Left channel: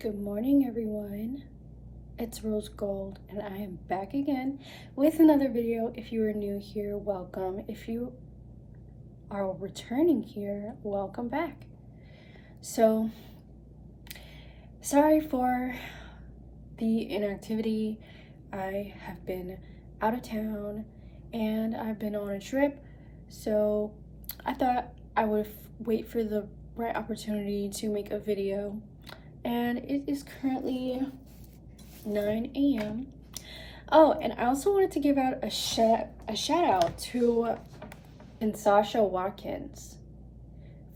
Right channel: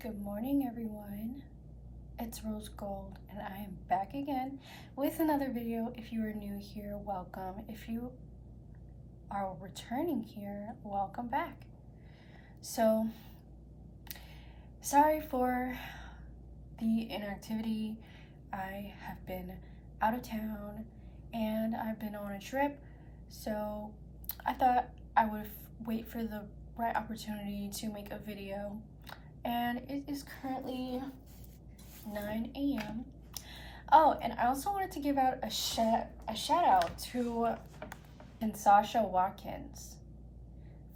Good morning, everyone. It's rozegxld, and I am back again with another video. If you are new here, welcome. If you are returning here, welcome back. So, sorry for the inactivity. I have been out of town and I've been on a trip, so I thought I would wait for the right opportunity to make a video. And it is currently 9 a.m. Oh, and I also wanted to give out a shout out to Sasha Watkins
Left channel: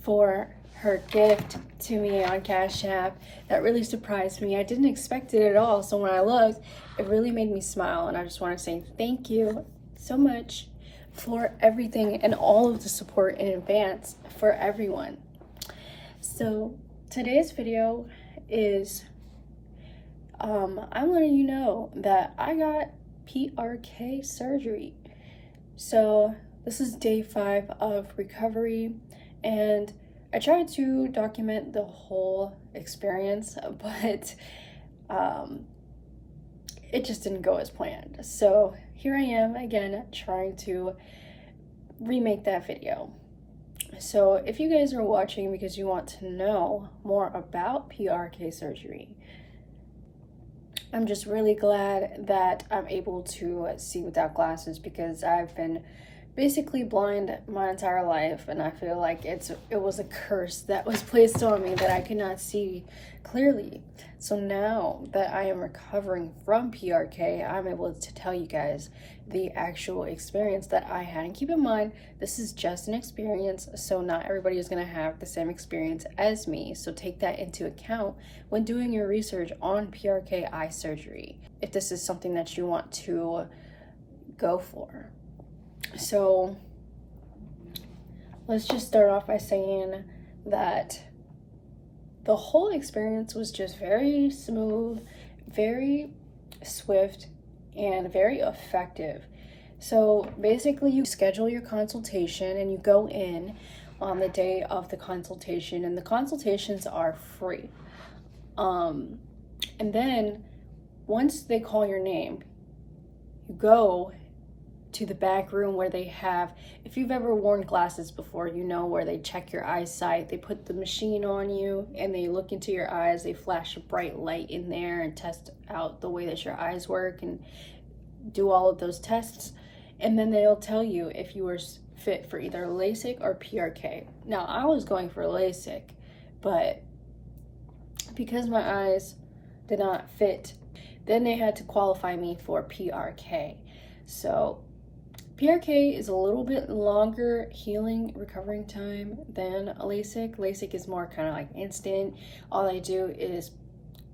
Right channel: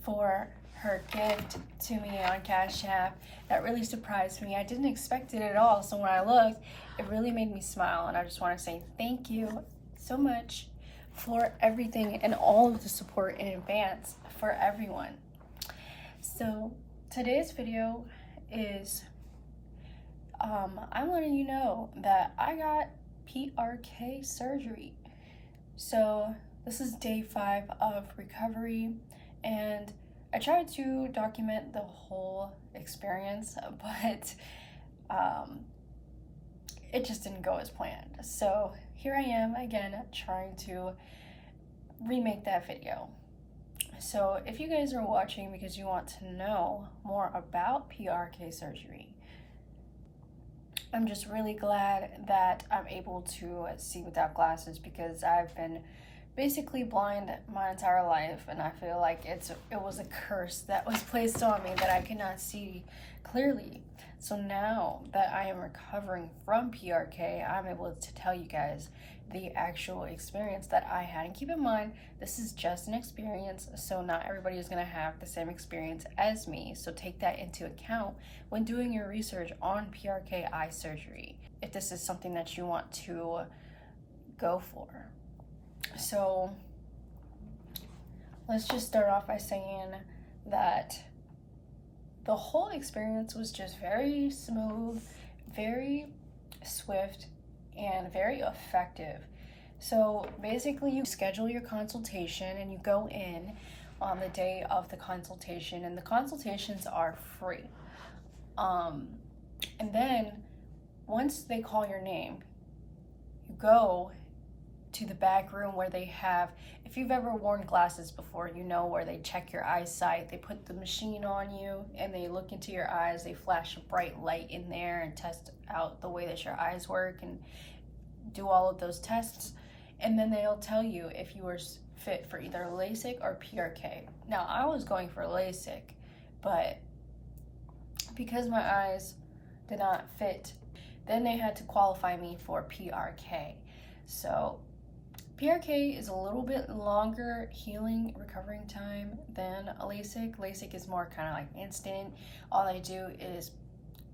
for her gift to me on Cash App. That really surprised me. I didn't expect it at all. So when I looked, it really made me smile. And I just want to say thank you so much for everything and all of the support in advance for everyone. So today's video is I'm letting you know that I got PRK surgery. So this is day 5 of recovery, and I tried to document the whole experience, but it just didn't go as planned. So here I am again trying to remake that video. So if you guys are watching because you want to know more about PRK surgery, I'm just really glad that I'm able to see without glasses, because I've been basically blind my entire life, and I feel like it was a curse that was placed on me that I could not see clearly. So now that I am recovering from PRK, I'm able to tell you guys the actual experience that I had. And keep in mind, this is just an experience, so not everybody is going to have the same experience as me. So take that into account when doing your research on PRK eye surgery, if this is something that you want to go for. So let's just start off by saying that the whole experience was just very smooth, very swift, and very effective. So basically you schedule your consultation and you go in on the day of the consultation, and the consultations are free. And then once they call your name, you go to the back room where they have, if you've ever worn glasses before, you know where they check your eyesight. They put the machine on you and they look into your eyes. They flash a bright light in there and test out the way that your eyes work and do all of those tests. And then they'll tell you if you were fit for either Lasik or PRK. Now, I was going for Lasik, but because my eyes did not fit, then they had to qualify me for PRK. So PRK is a little bit longer healing recovering time than Lasik. Lasik is more kind of like instant. All they do is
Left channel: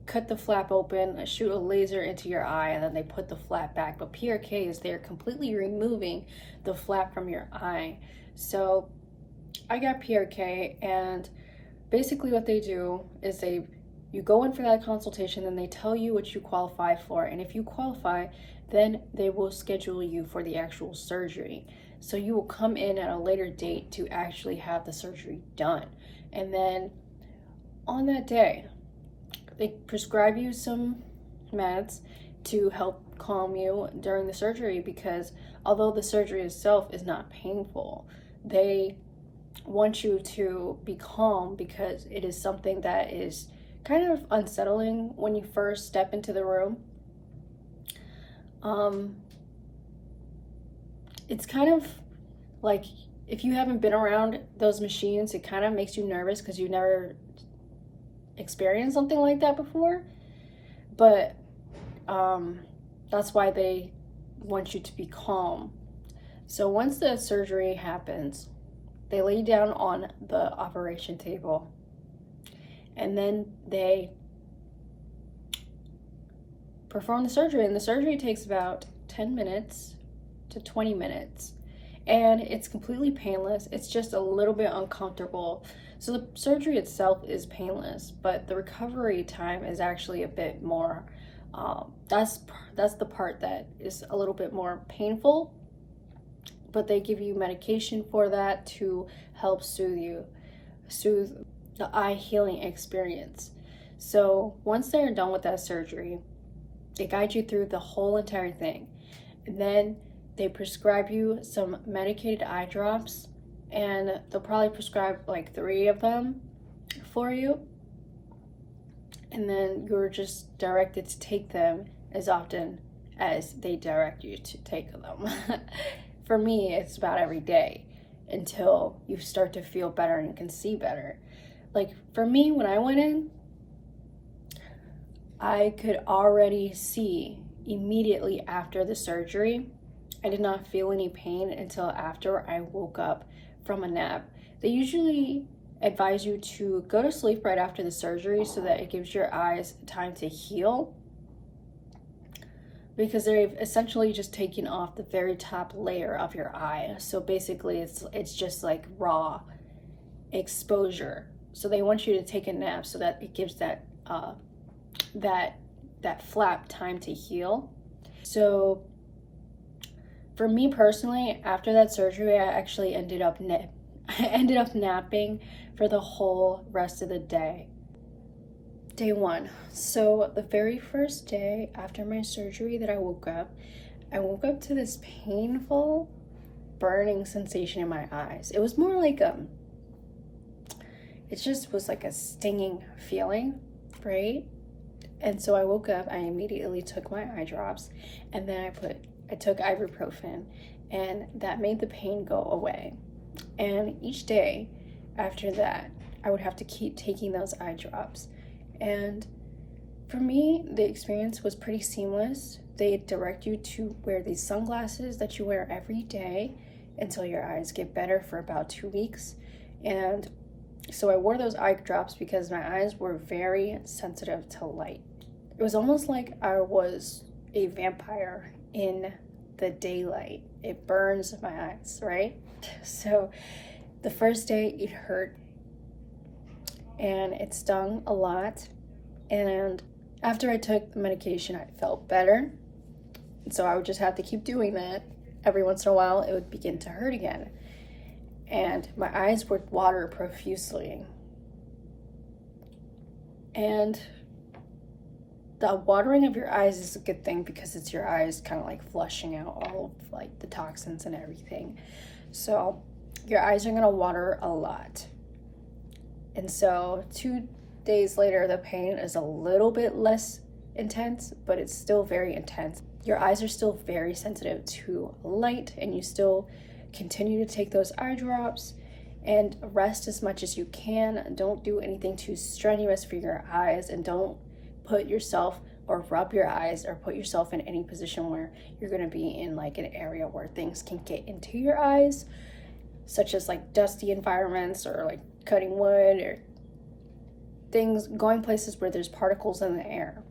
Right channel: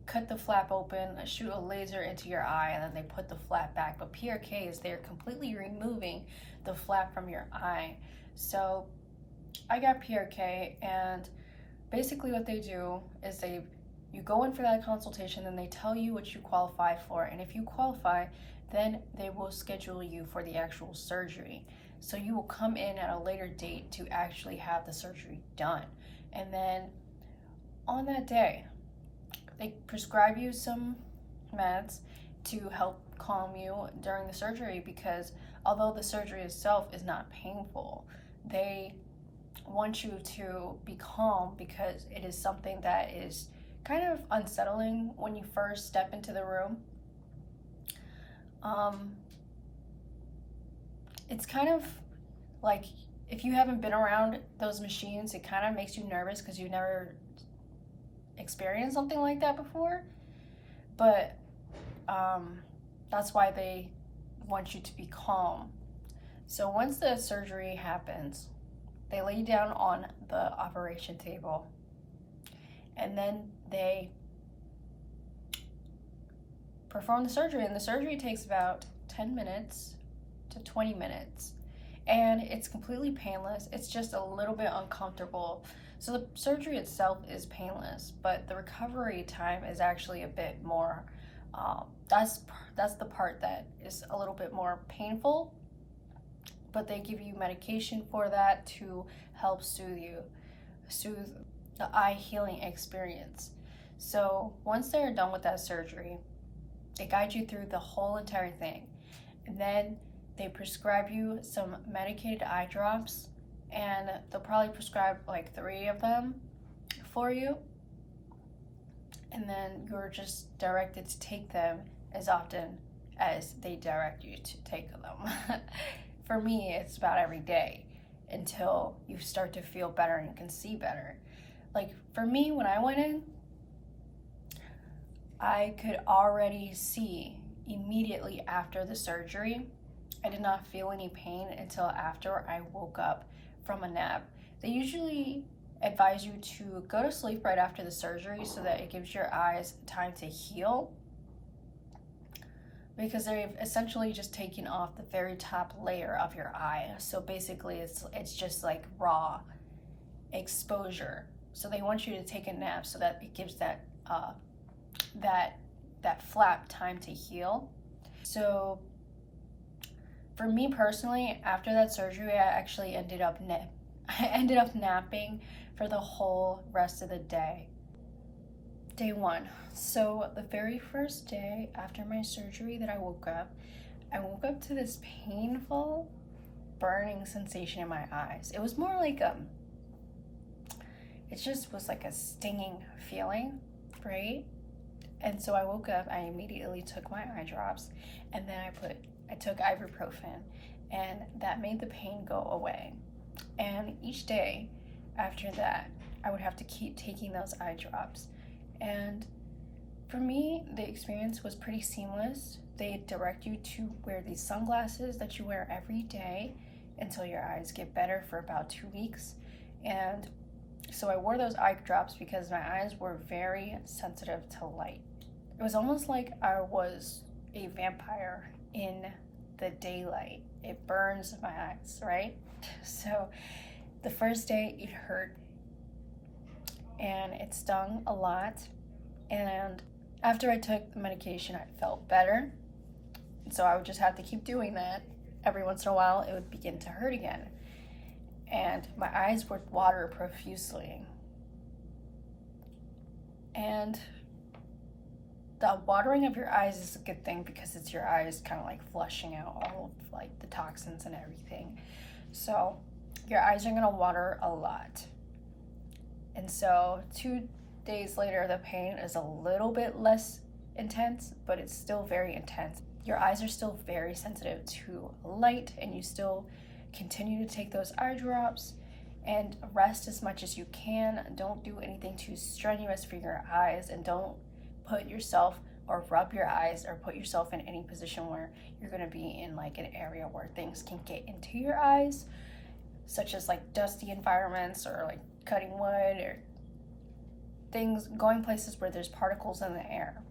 cut the flap open, shoot a laser into your eye, and then they put the flap back. But PRK is they're completely removing the flap from your eye. So I got PRK, and basically what they do is you go in for that consultation, and they tell you what you qualify for, and if you qualify, then they will schedule you for the actual surgery. So you will come in at a later date to actually have the surgery done. And then on that day, they prescribe you some meds to help calm you during the surgery, because although the surgery itself is not painful, they want you to be calm because it is something that is kind of unsettling when you first step into the room. It's kind of like, if you haven't been around those machines, it kind of makes you nervous because you never experienced something like that before. But that's why they want you to be calm. So once the surgery happens, they lay you down on the operation table, and then they perform the surgery, and the surgery takes about 10 minutes to 20 minutes, and it's completely painless. It's just a little bit uncomfortable. So the surgery itself is painless, but the recovery time is actually a bit more, that's the part that is a little bit more painful, but they give you medication for that to help soothe the eye healing experience. So once they're done with that surgery, they guide you through the whole entire thing. And then they prescribe you some medicated eye drops, and they'll probably prescribe like 3 of them for you. And then you're just directed to take them as often as they direct you to take them. For me, it's about every day until you start to feel better and you can see better. Like for me, when I went in, I could already see immediately after the surgery. I did not feel any pain until after I woke up from a nap. They usually advise you to go to sleep right after the surgery so that it gives your eyes time to heal, because they've essentially just taken off the very top layer of your eye. So basically it's just like raw exposure. So they want you to take a nap so that it gives that that flap time to heal. So for me personally, after that surgery, I actually ended up napping for the whole rest of the day. Day 1. So the very first day after my surgery that I woke up to this painful burning sensation in my eyes. It was more like it just was like a stinging feeling, right? And so I woke up, I immediately took my eye drops, and then I took ibuprofen, and that made the pain go away. And each day after that, I would have to keep taking those eye drops. And for me, the experience was pretty seamless. They direct you to wear these sunglasses that you wear every day until your eyes get better for about 2 weeks. And so I wore those eye drops because my eyes were very sensitive to light. It was almost like I was a vampire in the daylight. It burns my eyes, right? So the first day it hurt and it stung a lot. And after I took the medication, I felt better. So I would just have to keep doing that. Every once in a while, it would begin to hurt again. And my eyes would water profusely. And the watering of your eyes is a good thing because it's your eyes kind of like flushing out all of like the toxins and everything. So your eyes are gonna water a lot. And so 2 days later, the pain is a little bit less intense, but it's still very intense. Your eyes are still very sensitive to light, and you still continue to take those eye drops and rest as much as you can. Don't do anything too strenuous for your eyes, and don't put yourself or rub your eyes or put yourself in any position where you're going to be in like an area where things can get into your eyes, such as like dusty environments or like cutting wood or things, going places where there's particles in the air.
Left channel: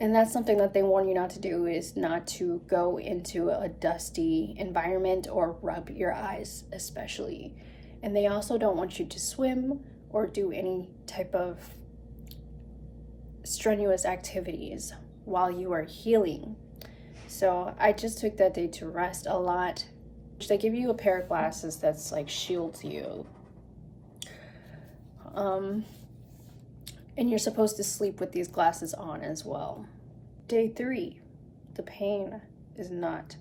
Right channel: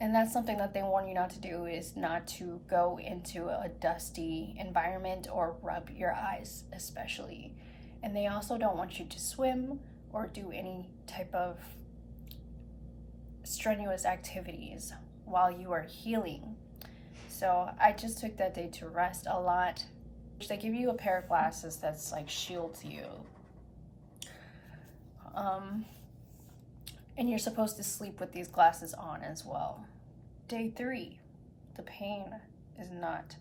And that's something that they warn you not to do, is not to go into a dusty environment or rub your eyes especially. And they also don't want you to swim or do any type of strenuous activities while you are healing. So I just took that day to rest a lot. They give you a pair of glasses that's like shields you. And you're supposed to sleep with these glasses on as well. Day 3, the pain is not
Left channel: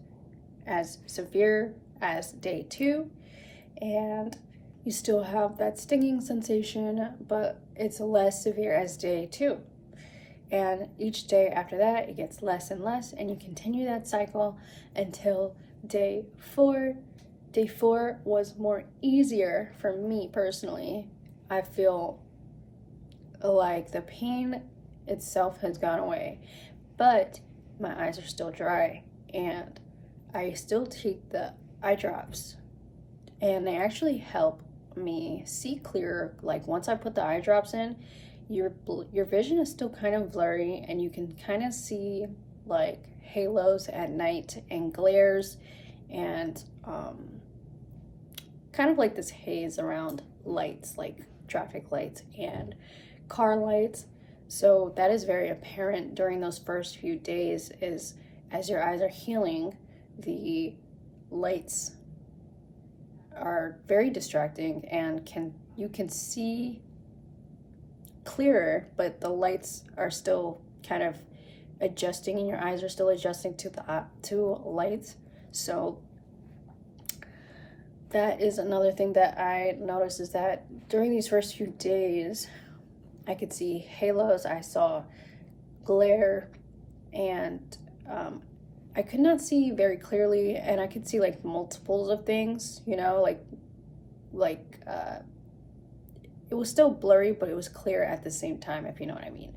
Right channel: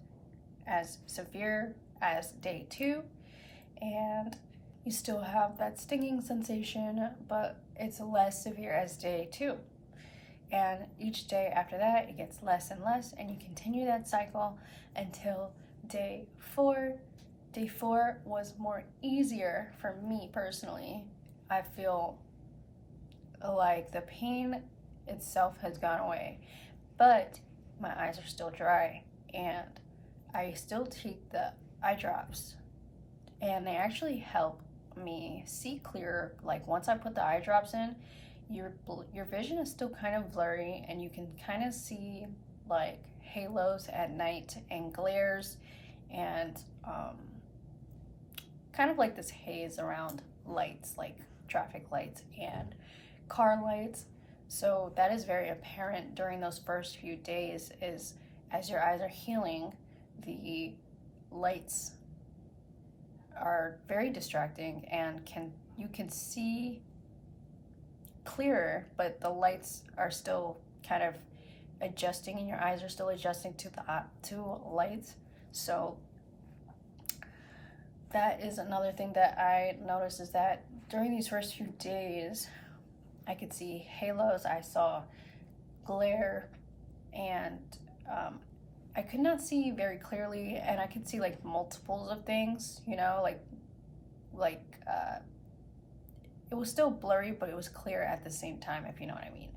as severe as day 2, and you still have that stinging sensation, but it's less severe as day 2. And each day after that, it gets less and less, and you continue that cycle until day 4. Day 4 was more easier for me personally. I feel like the pain itself has gone away, but my eyes are still dry, and I still take the eye drops, and they actually help me see clearer. Like once I put the eye drops in, your vision is still kind of blurry, and you can kind of see like halos at night and glares and kind of like this haze around lights, like traffic lights and car lights. So that is very apparent during those first few days, is as your eyes are healing, the lights are very distracting, and you can see clearer, but the lights are still kind of adjusting and your eyes are still adjusting to the to lights. So that is another thing that I noticed, is that during these first few days I could see halos, I saw glare, and I could not see very clearly, and I could see like multiples of things, you know, like it was still blurry, but it was clear at the same time, if you know what I mean.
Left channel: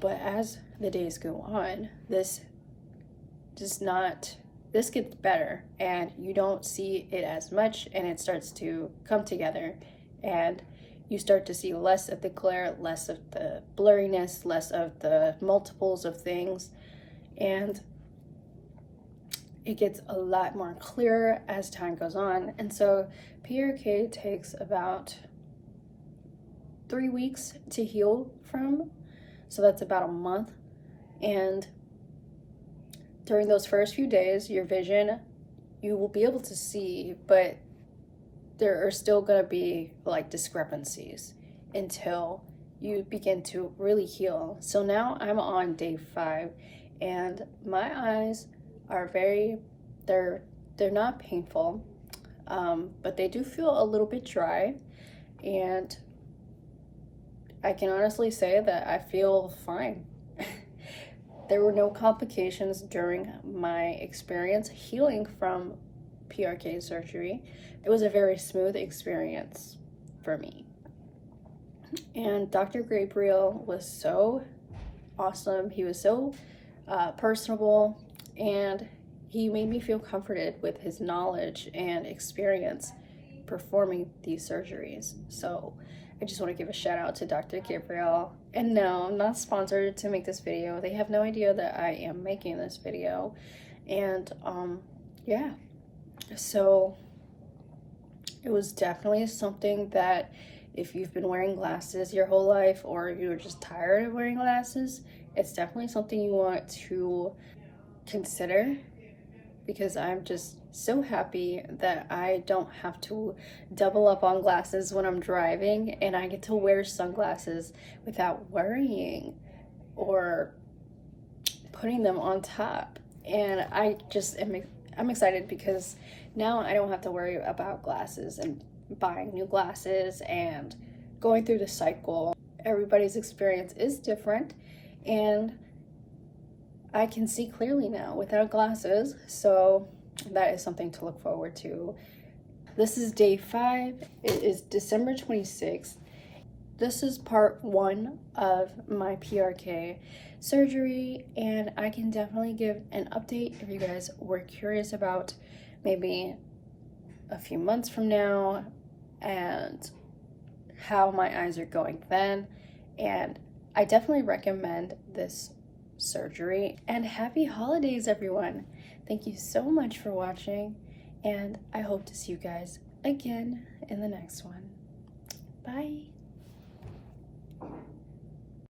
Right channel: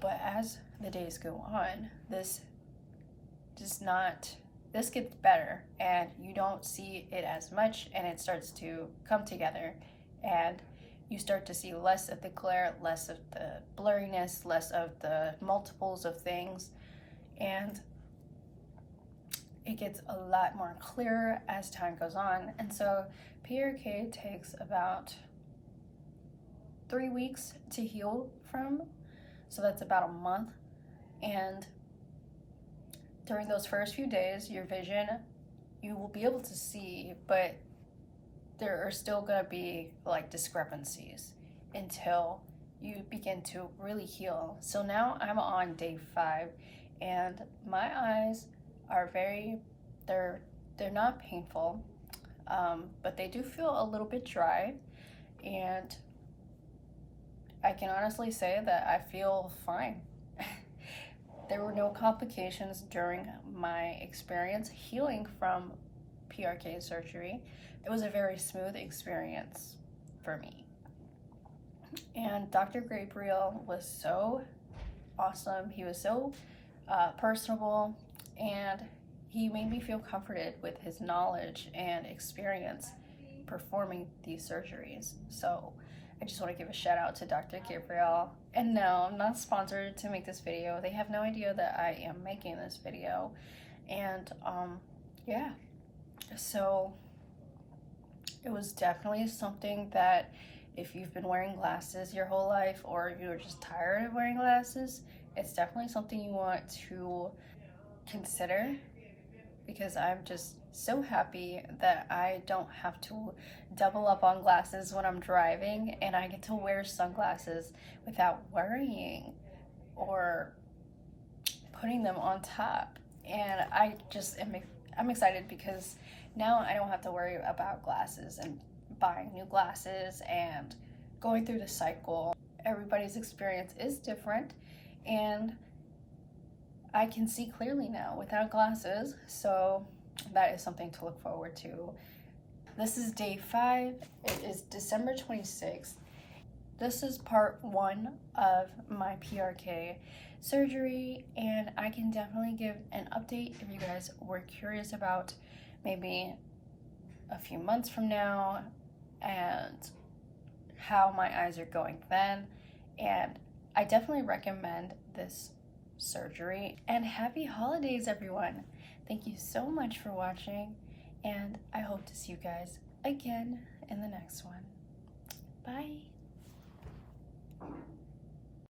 But as the days go on, this gets better, and you don't see it as much, and it starts to come together, and you start to see less of the glare, less of the blurriness, less of the multiples of things, and it gets a lot more clearer as time goes on. And so PRK takes about 3 weeks to heal from, so that's about a month. And during those first few days, your vision, you will be able to see, but there are still going to be like discrepancies until you begin to really heal. So now I'm on day 5, and my eyes are they're not painful, but they do feel a little bit dry, and I can honestly say that I feel fine. There were no complications during my experience healing from PRK surgery. It was a very smooth experience for me. And Dr. Gabriel was so awesome. He was so personable, and he made me feel comforted with his knowledge and experience performing these surgeries. So I just want to give a shout out to Dr. Gabriel. And no, I'm not sponsored to make this video. They have no idea that I am making this video. And yeah, so it was definitely something that if you've been wearing glasses your whole life, or you're just tired of wearing glasses, it's definitely something you want to consider, because I'm just so happy that I don't have to double up on glasses when I'm driving, and I get to wear sunglasses without worrying or putting them on top. And I'm excited, because now I don't have to worry about glasses and buying new glasses and going through the cycle. Everybody's experience is different, and I can see clearly now without glasses, so that is something to look forward to. This is day 5. It is December 26th. This is part 1 of my PRK surgery, and I can definitely give an update if you guys were curious about maybe a few months from now and how my eyes are going then. And I definitely recommend this surgery. And happy holidays, everyone. Thank you so much for watching, and I hope to see you guys again in the next one. Bye.